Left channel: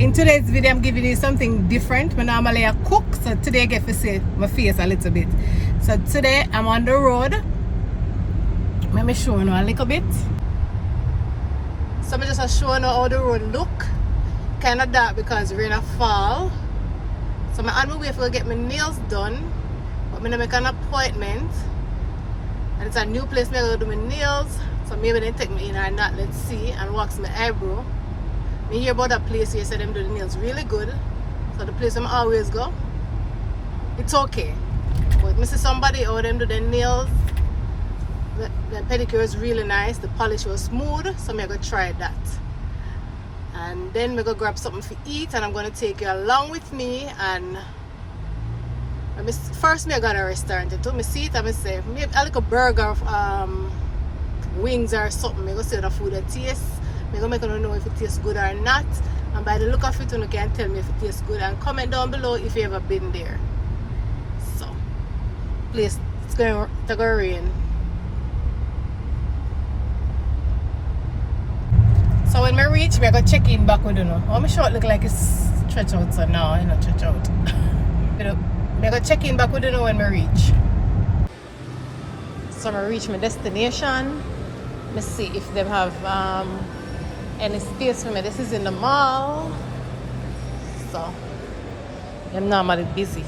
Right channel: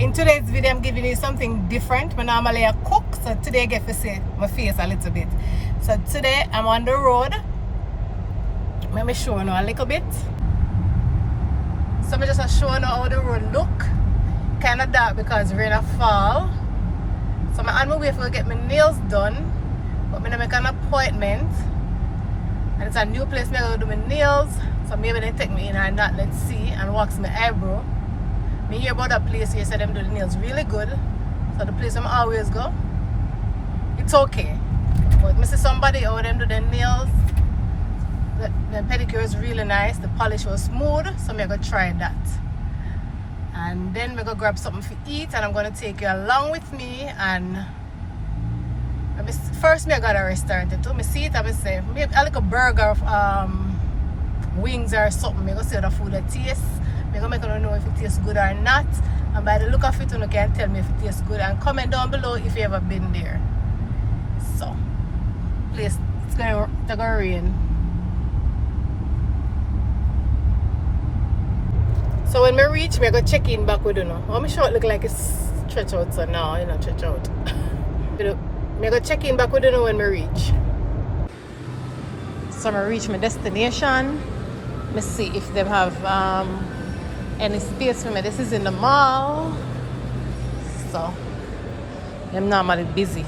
In today's video, I'm giving you something different. I normally cook, so today I get to see my face a little bit. So today I'm on the road. Let me show you a little bit. So I'm just showing you how the road look. Kind of dark because rain a fall. So I'm on my way to get my nails done, but I'm gonna make an appointment. And it's a new place I'm gonna do my nails. So maybe they take me in or not, let's see, and wax my eyebrow. I hear about that place here, said them do the nails really good. So the place I'm always go, it's okay. But I see somebody how them do the nails. The pedicure is really nice, the polish was smooth, so I'm gonna try that. And then we're gonna grab something to eat, and I'm gonna take you along with me. And first I got a restaurant too. I see it, I say maybe I like a burger of wings or something. I'm gonna see how the food that tastes. I'm gonna make you know if it tastes good or not. And by the look of it, you can tell me if it tastes good. And comment down below if you ever been there. So, please, it's gonna rain. So when we reach, we're gonna check in back with you know. How my short look like it's stretch out, so no, it's not stretch out. We're gonna check in back with you know when we reach. So I reach my destination. Let's see if they have any space for me. This is in the mall. So I'm normally busy.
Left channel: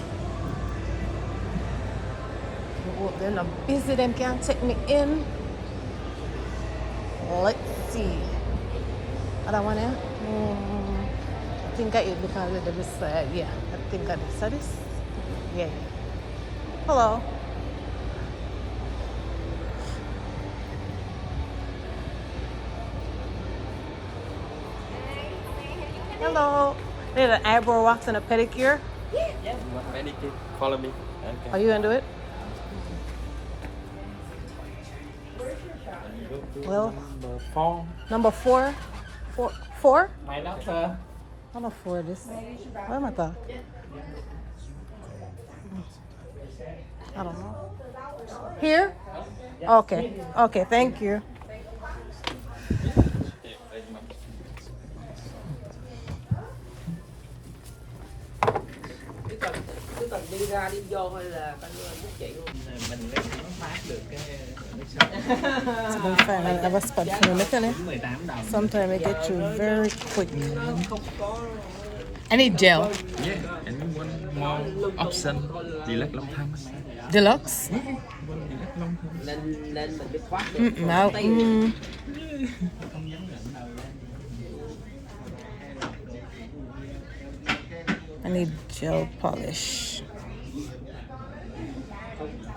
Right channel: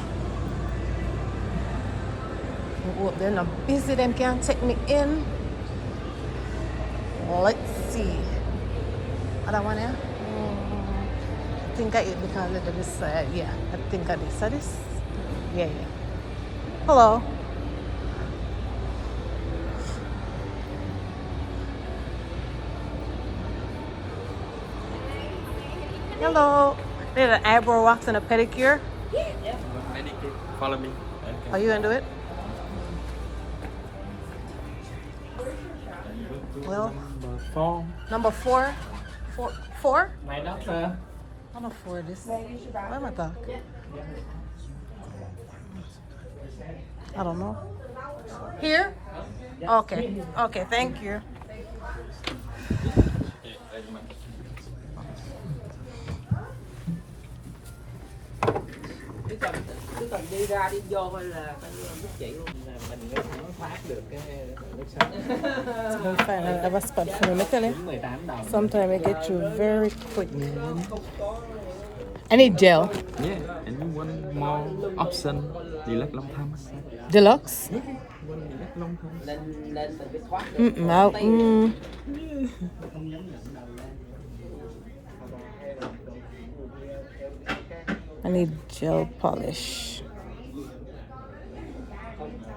I hope they're not busy, then can't take me in. Let's see. I don't want to. I think I ate because of this. Yeah, I think I did. So this? Yeah. Hello. Hello. We have an eyebrow wax and a pedicure. Yeah. Pedicure. Follow me. Okay. Are you gonna do it? Well, Number 4. number 4. 4? My doctor. I don't afford this. What am I talking? I don't know. Here? Okay. Okay, thank you. Cứ cần đi ra đi vô thôi là coi như giúp chị luôn. Mình nếu nó phát được cái nước sạch. So don't find I have a spot for me, tell you. Sometimes I get you very quick. I need gel. Yeah, and one more option. Deluxe long time. Deluxe? One deluxe long time. Lên mình biết thoát. I need gel polish.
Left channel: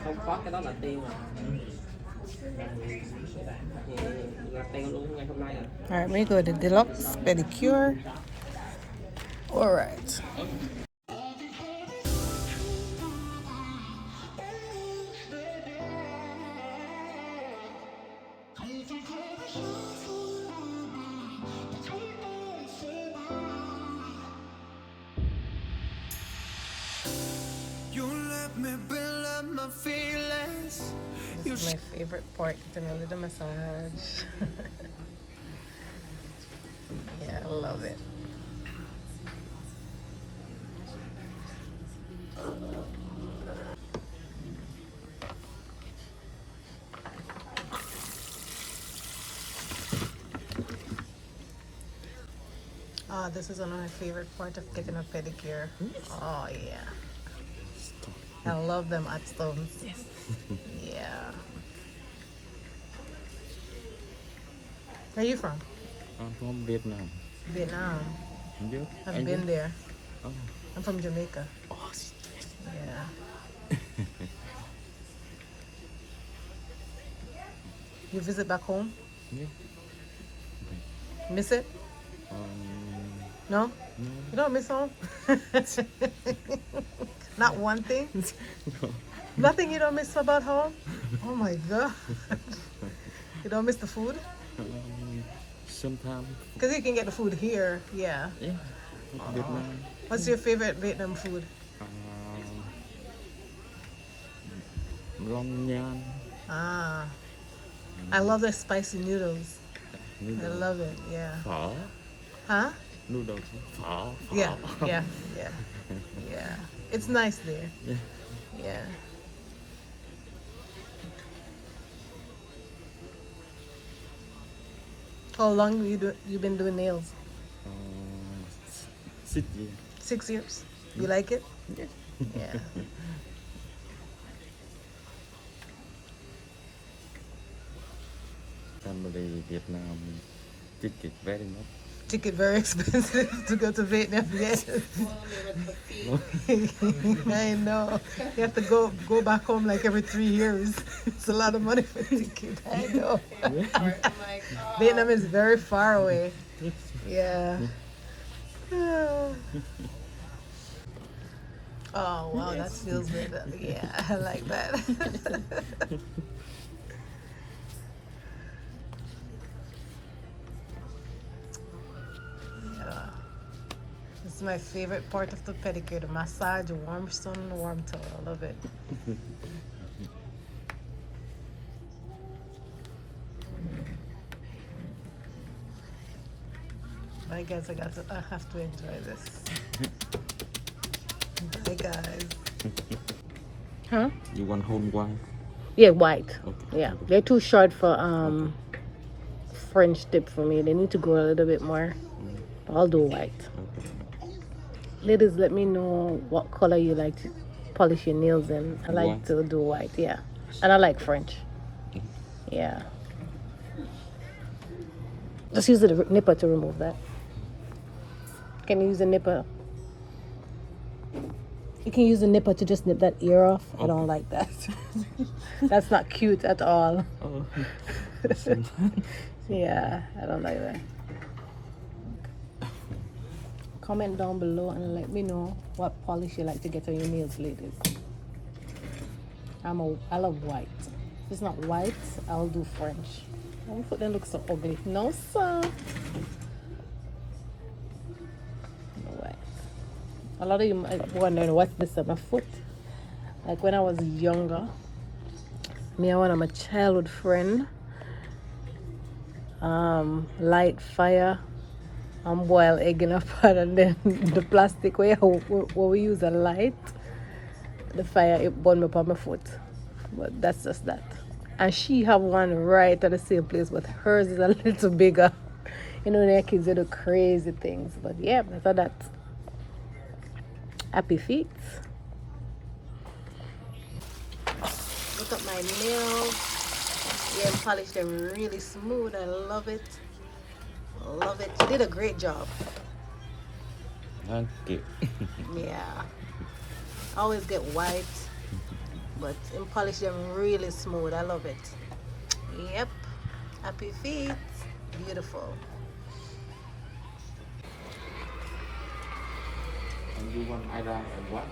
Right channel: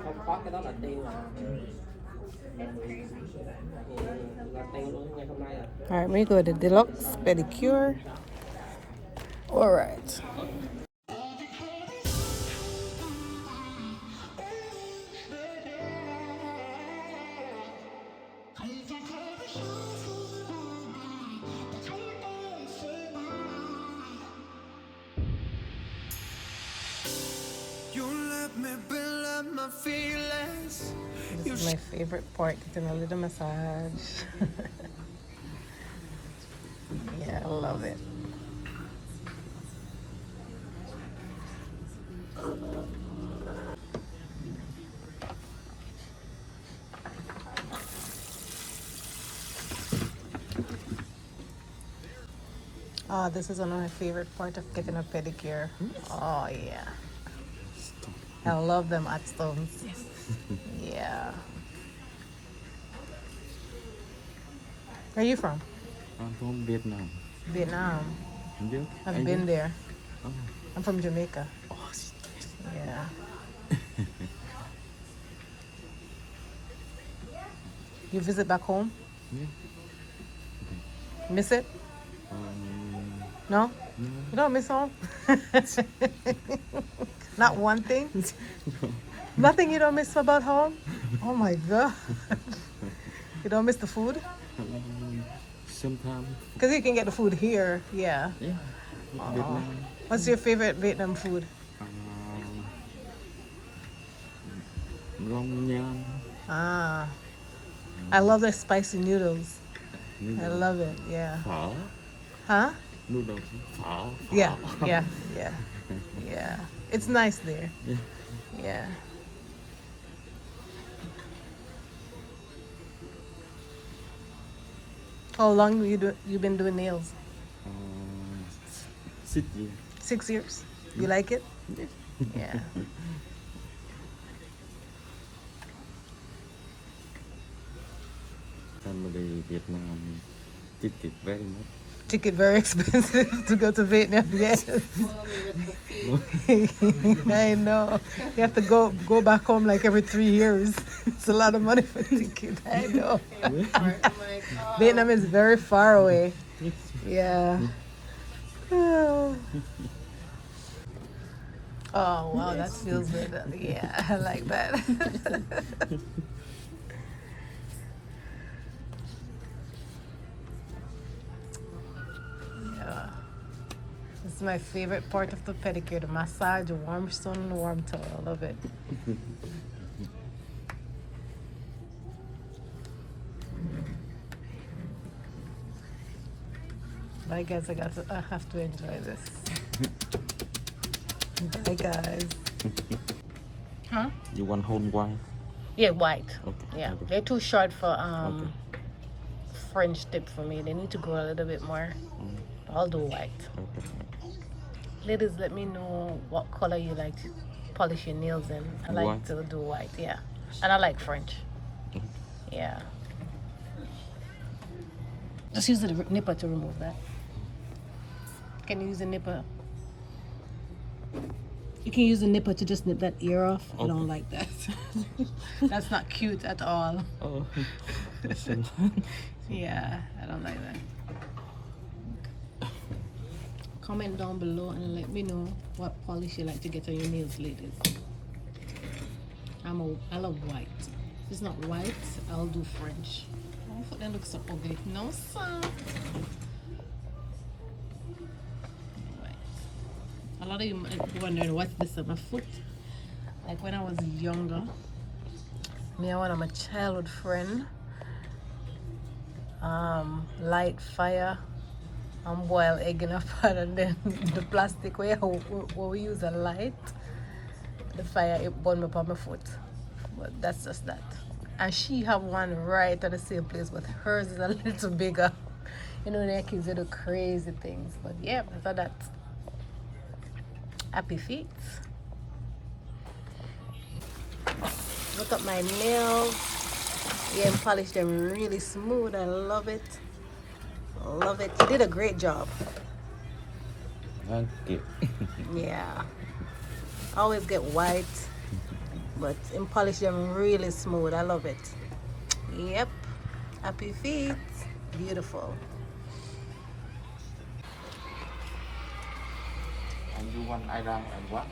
Không thoát cái đó là tiêu rồi. Là tiêu luôn ngày hôm nay rồi. Alright, we go to deluxe pedicure. Alright. This is my favorite part, getting a little massage. Yeah, I love it. This is one of my favorite part of getting a pedicure. Oh yeah. I love them at stones. Yes. Yeah. Where are you from? I'm from Vietnam. Vietnam. And you? I've been there. Oh. I'm from Jamaica. Oh, Yeah. You visit back home? yeah. Miss it? No? No. You don't miss home? Not one thing? No. Nothing you don't miss about home? Oh my god. You don't miss the food? Sometimes. Because you can get the food here, yeah. Yeah. Vietnam. What's your favorite Vietnam food? Long nhan. I love their spicy noodles. I love it, yeah. Phở. Huh? noodles. Phở. Yeah, yeah, yeah, yeah. It's nice there. Yeah. Yeah. How long you been doing nails? Uh, 6 years. 6 years. You like it? Yes. Yeah. Family Vietnam ticket very much. Ticket very expensive to go to Vietnam. Yes. I know. You have to go back home like every 3 years. It's a lot of money for ticket. I know. Vietnam is very far away. Yeah. Oh wow, that feels good. Yeah, I like that. Yeah. This is my favorite part of the pedicure, the massage, the warm stone, and the warm towel. I love it. Bye guys, I have to enjoy this. Bye guys. Huh? You want whole white? Yeah, white. Okay. Yeah, they're too short for French tip for me. They need to grow a little bit more. I'll do white. Okay. Ladies, let me know what color you like to polish your nails in. I like White. to do white, yeah. And I like French. Yeah. Just use the nipper to remove that. Can you use the nipper? You can use the nipper to just nip that ear off. I don't like that. That's not cute at all. Oh. Yeah, I don't like that. Comment down below and let me know what polish you like to get on your nails, ladies. I love white. If it's not white, I'll do French. My foot then looks so ugly. No, sir. White. A lot of you might be wondering what's this on my foot. Like when I was younger, me and one of my childhood friend light fire and boil egg in a pot, and then the plastic where we use a light, the fire it burned me up on my foot. But that's just that. And she have one right at the same place, but hers is a little bigger. You know, their kids do crazy things. But yeah, after that, happy feet. Look at my nails. Yeah, and polish them really smooth. I love it. Love it. You did a great job. Thank you. Yeah. I always get white, but in polish them really smooth. I love it. Yep. Happy feet. Beautiful. And you want eyebrow and what?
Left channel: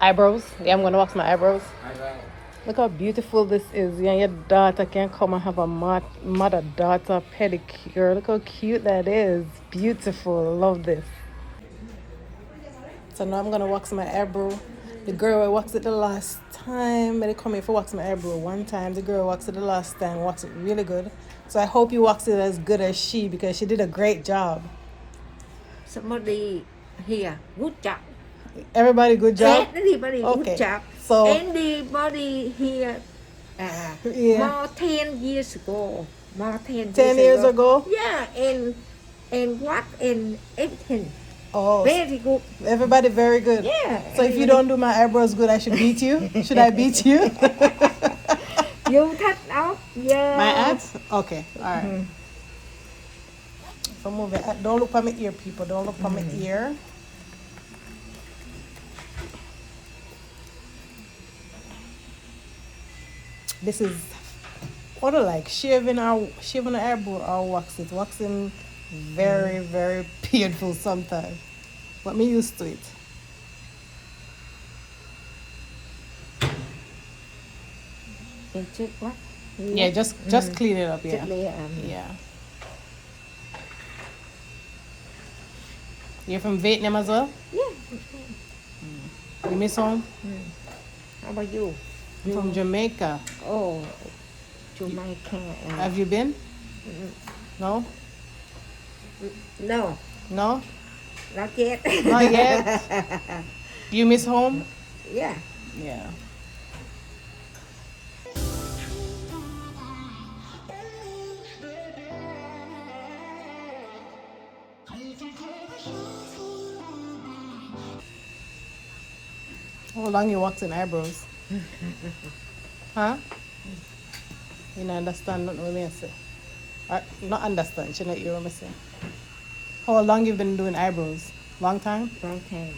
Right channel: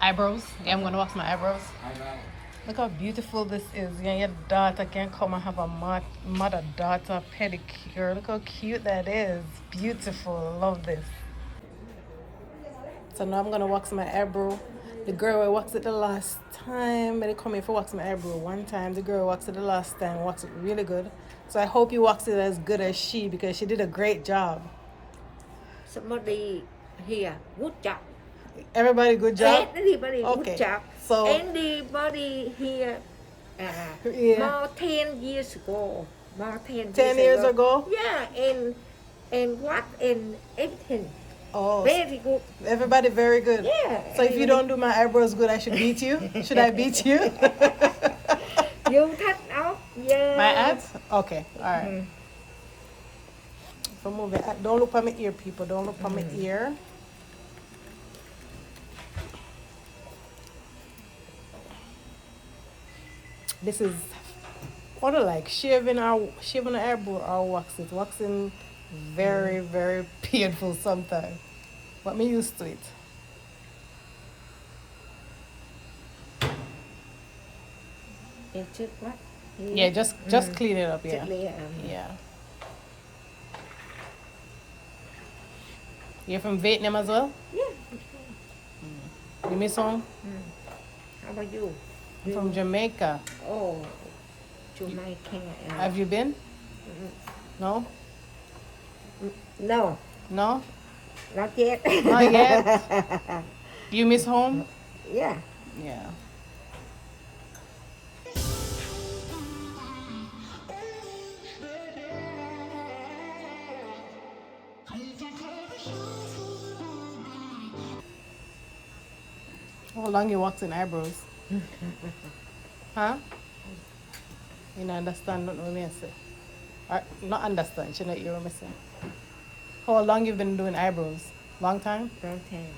Eyebrows. Yeah, I'm gonna wax my eyebrows. Eyebrow. Look how beautiful this is. Yeah, your daughter can come and have a mother-daughter pedicure. Look how cute that is. Beautiful. Love this. So now I'm gonna wax my eyebrow. The girl I waxed it the last time. They come here for wax my eyebrow one time. The girl waxed it the last time. Waxed it really good. So I hope you waxed it as good as she, because she did a great job. Somebody here, good job. Everybody, good job. Everybody, Okay. good job. So Anybody here, yeah, more 10 years ago, more 10 years ago. Yeah, and what and everything. Oh, Very good. everybody very good. Yeah. So if you don't do my eyebrows good, I should beat you. Should I beat you? You cut off, yeah. My ads? Okay, all right. So move it. Don't look at my ear, people. Don't look at my ear. This is what I like, shaving an eyebrow or wax it. Waxing very, very painful sometimes. But me used to it. And check what? Yeah, just clean it up, yeah. Yeah. You're from Vietnam as well? Yeah. You miss home? How about you? I'm from Jamaica. Oh, Jamaica. Have you been? No? No. No? Not yet. Not yet. You miss home? Yeah. Yeah. How long you waxing eyebrows? Huh? You don't understand nothing what I say. Or, not understand, you know what I'm saying. How long you been doing eyebrows? Long time? Long time.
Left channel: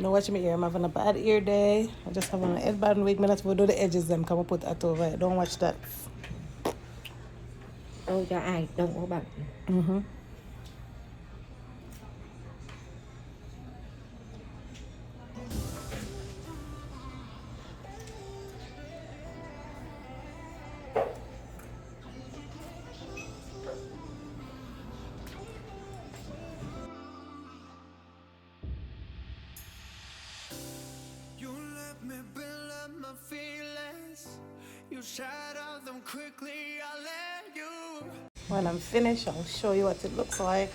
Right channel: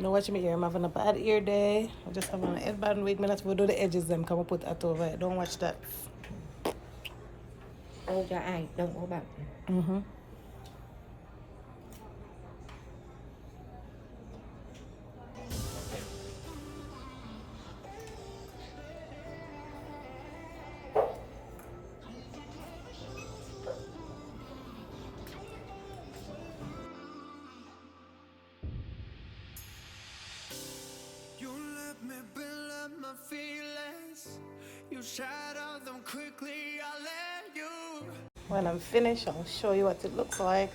No, watch me ear. I'm having a bad ear day. I just have on a headband wig. Minutes we'll do the edges them. Come and put that over it. Don't watch that. Ôi cho ai đông của bạn. Mm-hmm. You let me build up my feelings. You shatter them quickly, I let you. When I'm finished, I'll show you what it looks like.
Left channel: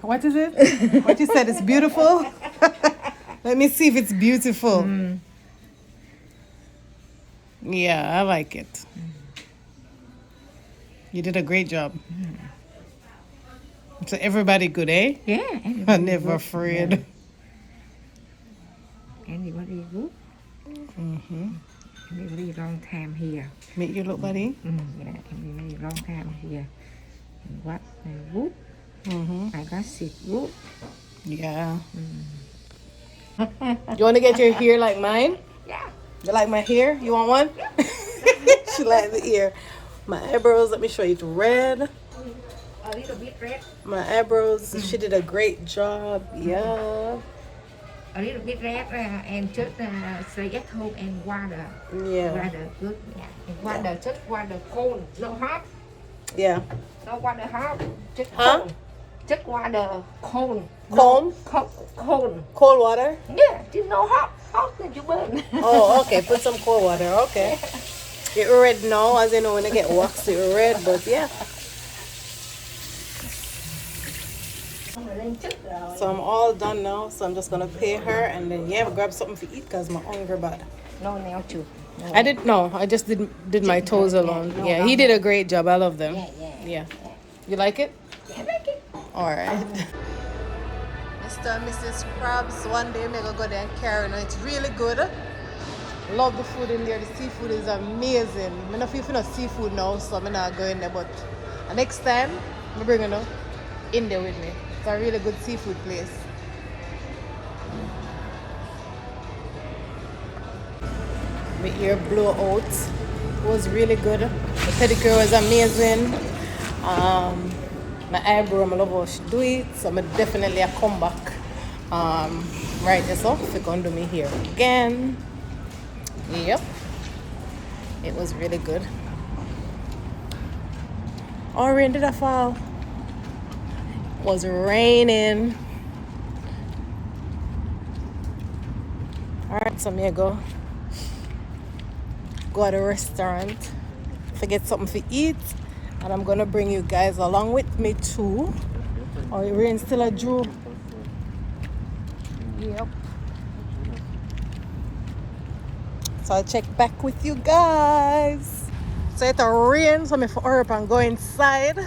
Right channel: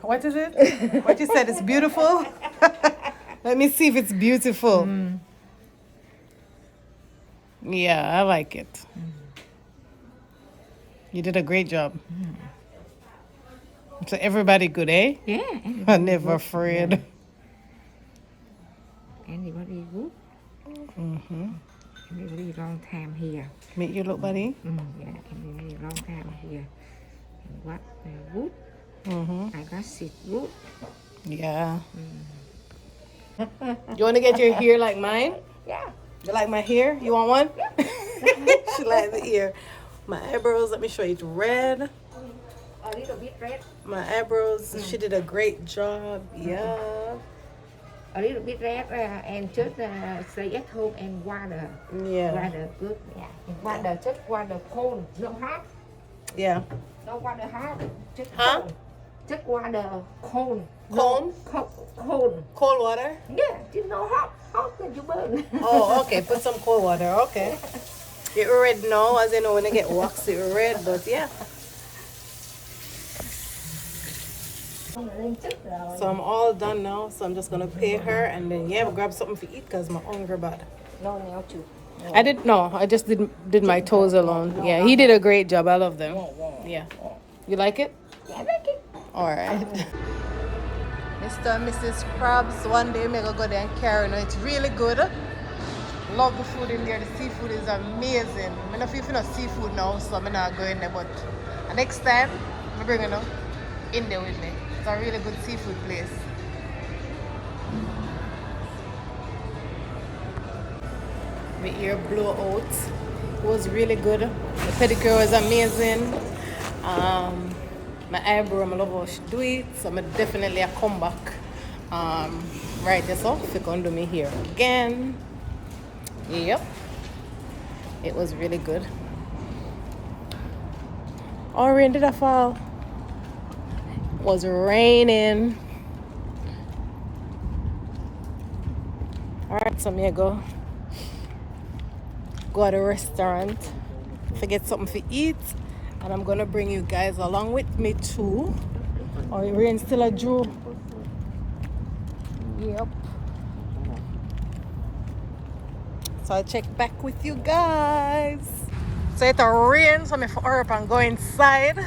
What is it? What you said is beautiful? Let me see if it's beautiful. Yeah, I like it. You did a great job. So everybody good, eh? Yeah. I'm never afraid. Anybody good? Mm-hmm. Anybody long time here? Make you look, buddy. Yeah. Anybody long time here? What good? Mm-hmm. I got sick good. Yeah. You want to get your hair like mine? Yeah. You like my hair? You want one? She likes the ear. My eyebrows, let me show you. It's red. A little bit red. My eyebrows, she did a great job. Yeah. A little bit red and just say at home and water. Yeah. Water good. Yeah. And water just water cold, not hot. Yeah. No water hot. Just Huh? cold. Just water cold. Comb? Cold. Cold water? Yeah, just no hot. Hot that you burn. Oh, okay. Put some cold water. Okay. It's red now, as you know, when I get waxed, it's red, but yeah. So I'm all done now, so I'm just gonna pay her and then yeah, grab something to eat because my hunger bad. No nail too. I just did my toes alone. Yeah, he did a great job. I love them. Yeah. You like it? Yeah, like it. Alright. Mr. and Mrs. Krabs, one day I'm gonna go there and carry. No, it's really good. Love the food in there. The seafood is amazing. I don't feel no seafood now, so I'm not going there. But next time, I'm bringing them in there with me. It's a really good seafood place. My ear blew out. It was really good. The pedicure was amazing. My eyebrow, I love how she do it. So I'm definitely a come back. Right this off. You're going to do me here again. Yep. It was really good. Oh, rain did I fall? It was raining. Alright, so I'm gonna go at a restaurant to get something to eat. And I'm gonna bring you guys along with me too. Oh, the rain still a Jew. Yep. So I'll check back with you guys. So it's a rain, so I'm going to hurry up and go inside.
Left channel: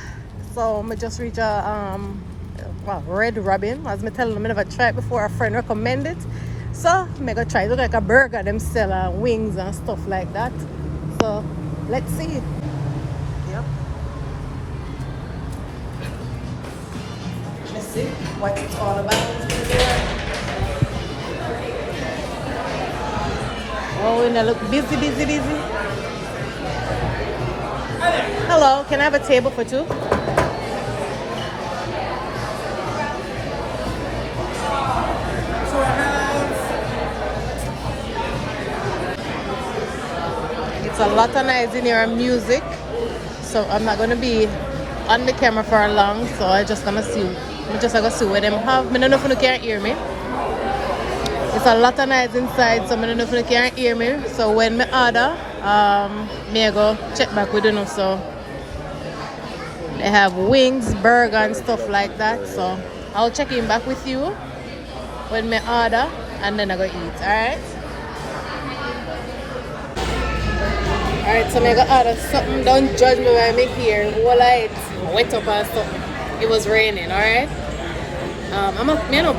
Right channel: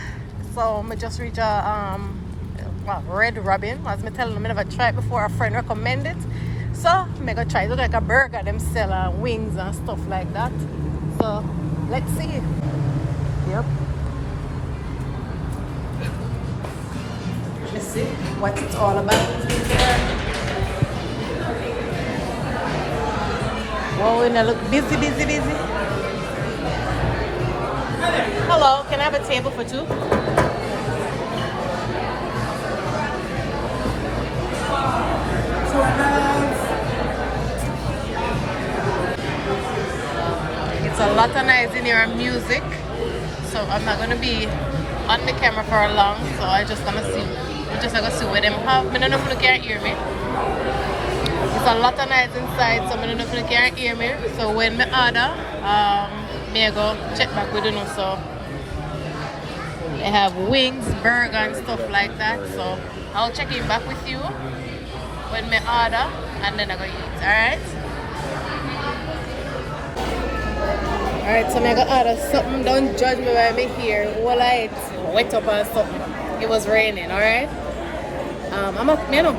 So I just reach a Red Robin. As I tell them, I never tried before. A friend recommended it. So I'm going to try. It look like a burger. Them sell wings and stuff like that. So let's see. Yep. Let's see what it's all about here. Whoa, and I look busy. Hello, can I have a table for two? It's a lot of noise in here and music, so I'm not gonna be on the camera for long, so I just gonna see. I just gonna see what them have. I don't know if you can hear me. There's a lot of noise inside, so I don't know if you can hear me. So when me order, me I go check back with them. So I have wings, burger, and stuff like that. So I'll check in back with you when me order, and then I go eat. Alright. Alright, so I'm gonna order something. Don't judge me when I'm here. All I wet up or something. It was raining, alright? I'm a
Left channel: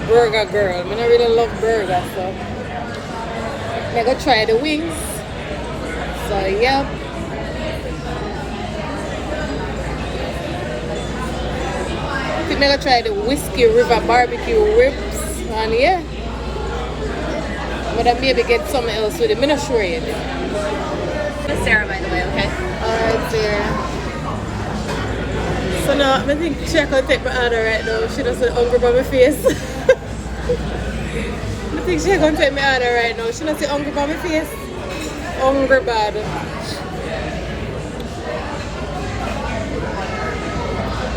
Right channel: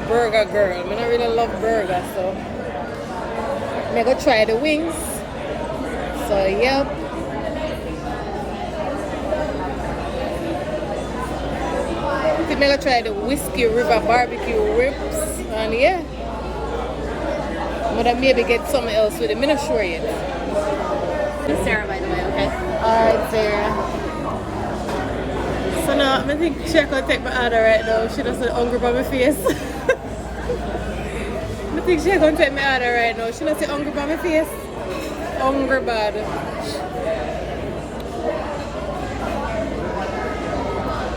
burger girl. I don't really love burger, so I'm gonna try the wings. So, yep. I think I'm gonna try the Whiskey River barbecue ribs. And yeah. But I maybe get something else with it. I'm not sure yet. Sarah, by the way, okay? So now, I think she can take my order right now. She doesn't hungry by my face. I think she can take my order right now. She doesn't hungry by my face. Hungry bad.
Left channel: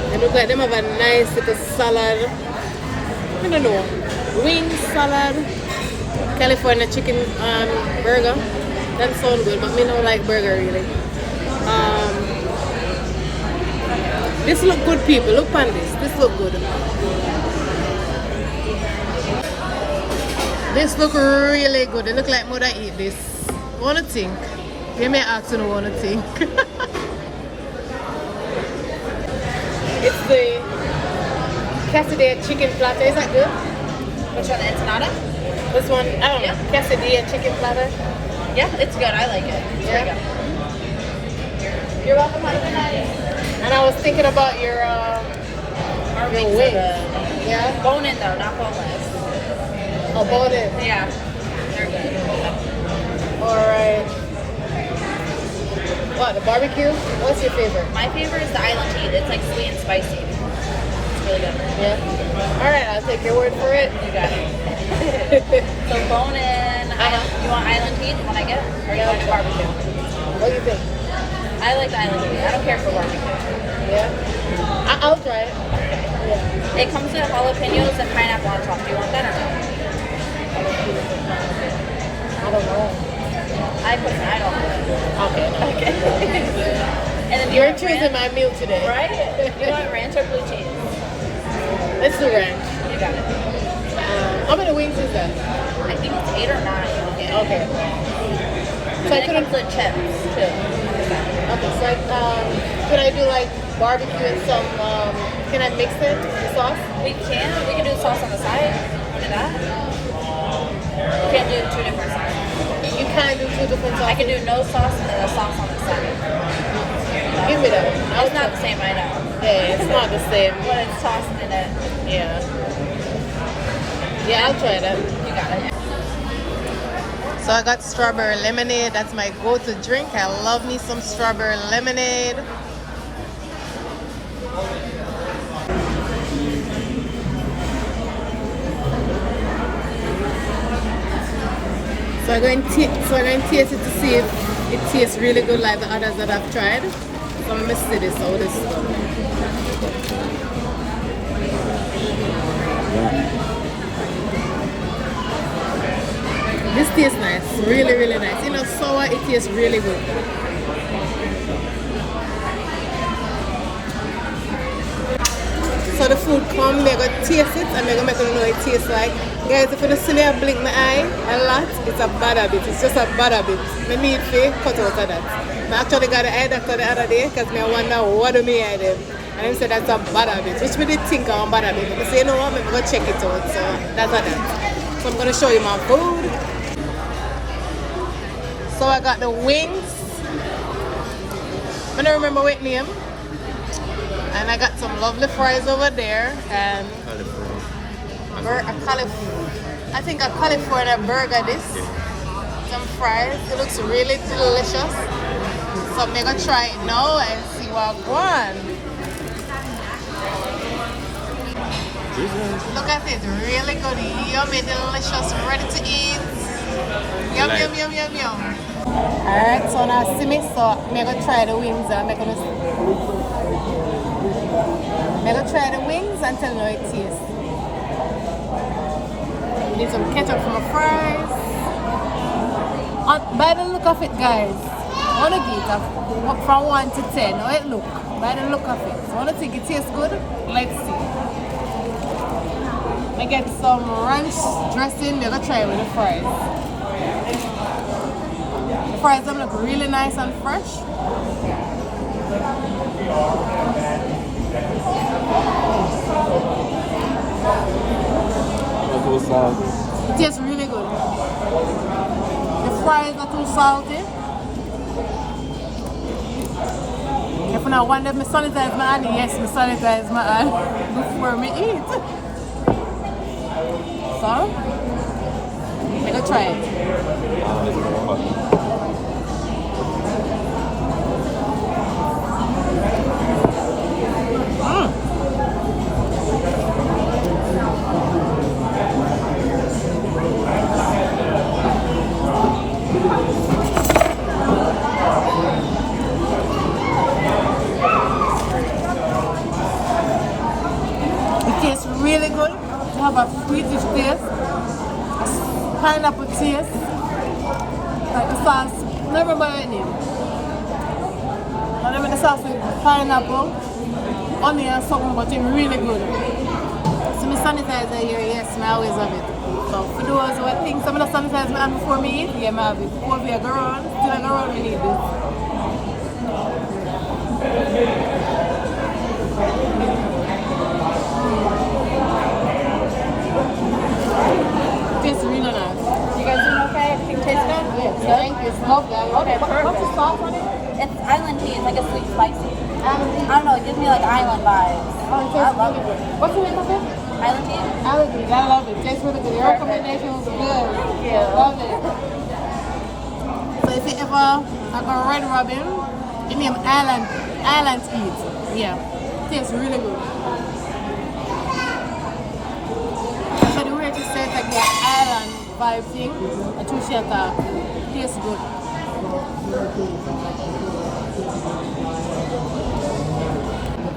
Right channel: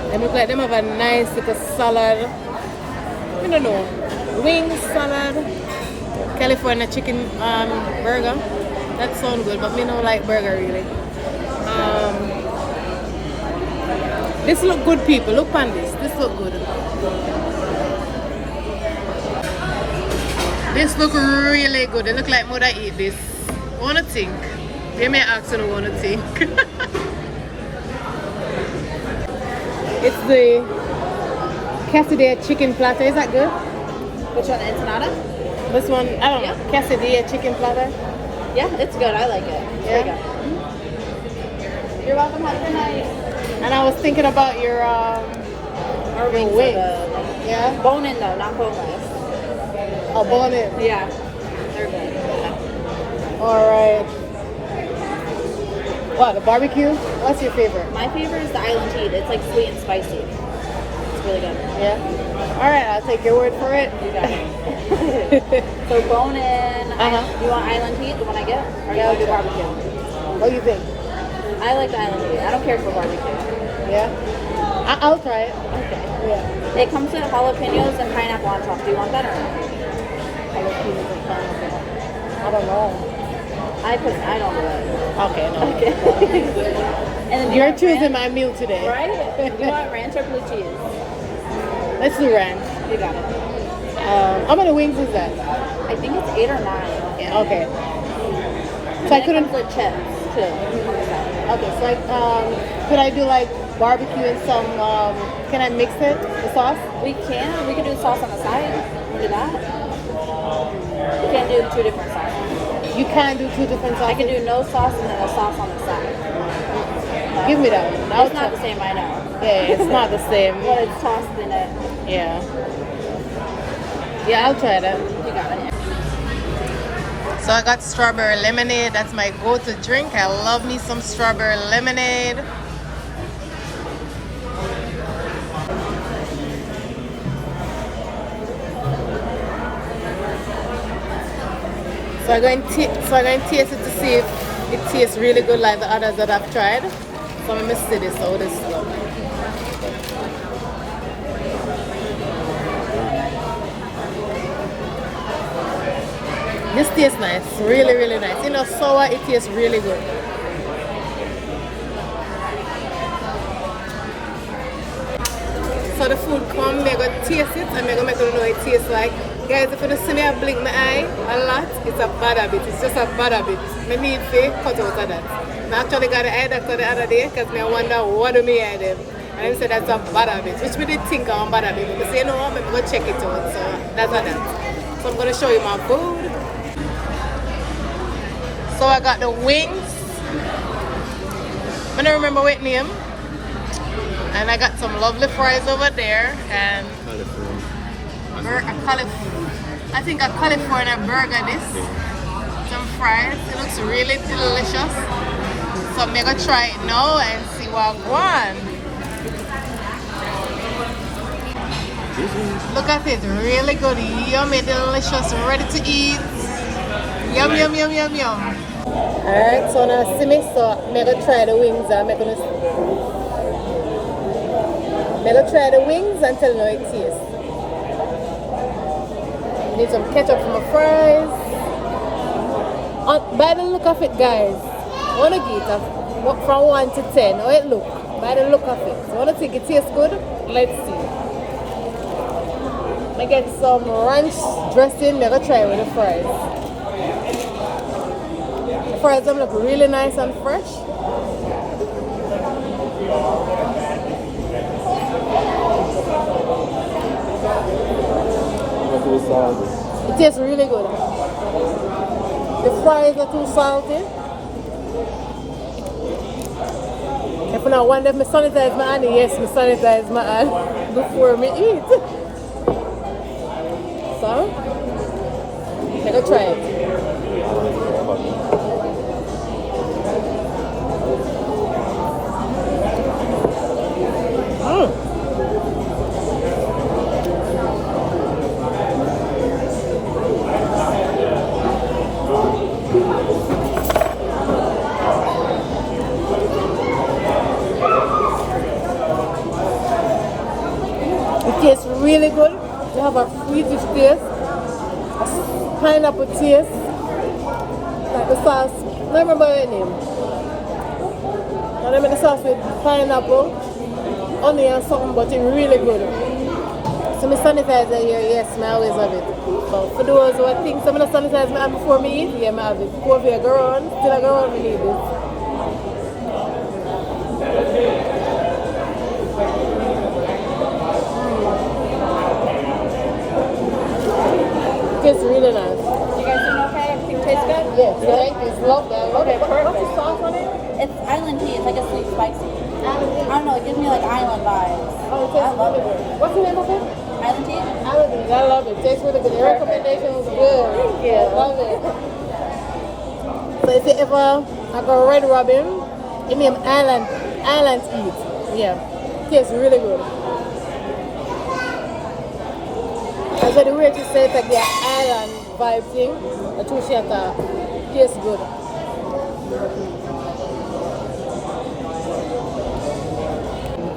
They look like them have a nice little salad. I don't know. Wings, salad, California chicken burger. That sounds good, but me don't like burger really. This look good, people. Look on this. This look good. This look really good. It look like mother eat this. Wanna think? You may ask and wanna think. It's the quesadilla chicken platter. Is that good? Which one? Ensenada? This one? I don't know. Quesadilla chicken platter. Yeah, it's good. I like it. It's very good. You're welcome. Have a good night. And I was thinking about your Our wings wings. are the Yeah. bone in though, not boneless. Oh, bone in. Yeah, they're good. All right. What, the barbecue? What's your favorite? My favorite is the island tea. It's like sweet and spicy. It's really good. Yeah. All right, I'll take your word for it. You got it. So bone in. You want island tea? The one I get, or you want to do barbecue? What do you think? I like the island tea. I don't care for barbecue. Yeah. I'll try it. Yeah. It comes with jalapenos and pineapple on top. Do you want that or no? I don't know. I don't know. Okay, no. Okay. And then You're choosing my meal today. Right? You want ranch or blue cheese? Let's do ranch. You got it. How many wings is that? I think it's 8 or 9. Yeah, okay. So I And it couldn't. comes with chips too. Okay, so could I do like barbecue and some? Can I mix it? The sauce? We can. We can do sauce on the side. Do that. We can do 2 different sauces. You can't do two different sauces. I can do no sauce and then a sauce on the side. Give me that one. It's not the same, I know. Yeah, it's not the same. But it's tossed in it. Yeah. Yeah, I'll try that. You got it. So I got strawberry lemonade. That's my go-to drink. I love me some strawberry lemonade. So I'm going to taste it to see if it tastes really good like the others that I've tried. So I'm going to see this, how this one. This tastes nice, really, really nice. You know, sour, it tastes really good. So the food come, I'm going to taste it and I'm going to make you know what it tastes like. Guys, if you don't see me, I blink my eye a lot. It's a bad habit. It's just a bad habit. I need to cut out of that. I actually got an eye doctor the other day because I wonder what do me eye them. And he said that's a bad habit, which we did think I'm a bad habit. But I say, you know what, I'm going to check it out. So that's that. So I'm going to show you my food. So I got the wings. I don't remember what name. And I got some lovely fries over there. And I think a California burger this. Some fries. It looks really delicious. So I'm gonna try it now and see what I want. Look at it, really good, yummy, delicious, ready to eat. Yum, yum, yum, yum, yum. Alright, so now see me, so I'm gonna try the wings. I'm gonna I'm gonna try the wings and tell you how it tastes. We need some ketchup for my fries. By the look of it, guys, I want to give it from 1 to 10. How it look? By the look of it. So I want to think it tastes good. Let's see. I get some ranch dressing. I'm gonna try it with the fries. The fries them look really nice and fresh. It tastes really good. The fries are too salty. If I want them, I sanitize my hand. Yes, I sanitize my hand before me eat. So, I'm gonna try it. It tastes really good. They have a sweetish taste, a pineapple taste, like the sauce. I don't remember your name. I remember the sauce with pineapple, onion, and something, but it's really good. So my sanitizer here, yes, I always have it. So for those who think I'm gonna sanitize my hand before me eat, yeah, I have it. Go over here, go around, still I go around, we need this. Tastes really nice. You guys doing okay? It tastes good? Yes, thank you. Love that. Love it. What's the sauce on it? It's island tea. It's like a sweet spicy. Island tea. I don't know. It gives me like island vibes. Oh, it I tastes love really it. good. What's the name of it? Island tea? Island tea. I love it. Tastes really good. Your recommendation was good. Yeah, I love it. So if you ever like a Red Robin, you name Island Eat. Yeah, tastes really good. I said the way to say it like the island vibe thing, the two shata tastes good.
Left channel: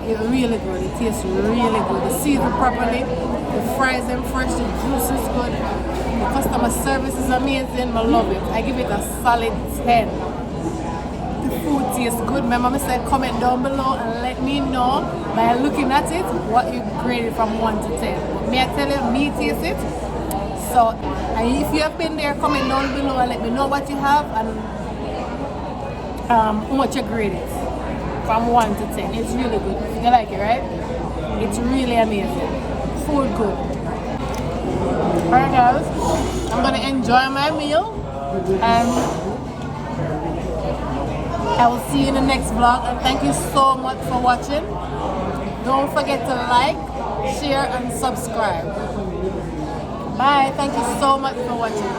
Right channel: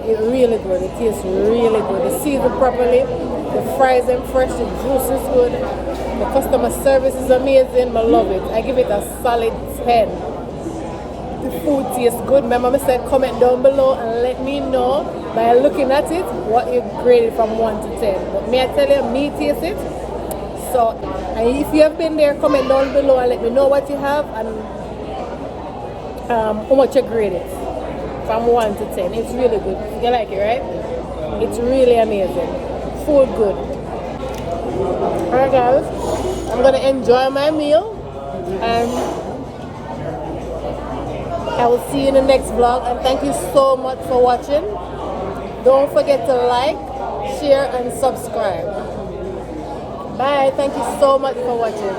It's really good. It tastes really good. The season properly, the fries them fresh, the juice is good. The customer service is amazing. I love it. I give it a solid 10. The food tastes good. Remember, I said comment down below and let me know by looking at it what you graded from 1 to 10. But may I tell you, me taste it. So, and if you have been there, comment down below and let me know what you have and how much you grade it from 1 to 10. It's really good. You like it, right? It's really amazing. Food good. Alright guys, I'm gonna enjoy my meal and I will see you in the next vlog, and thank you so much for watching. Don't forget to like, share and subscribe. Bye. Thank you so much for watching.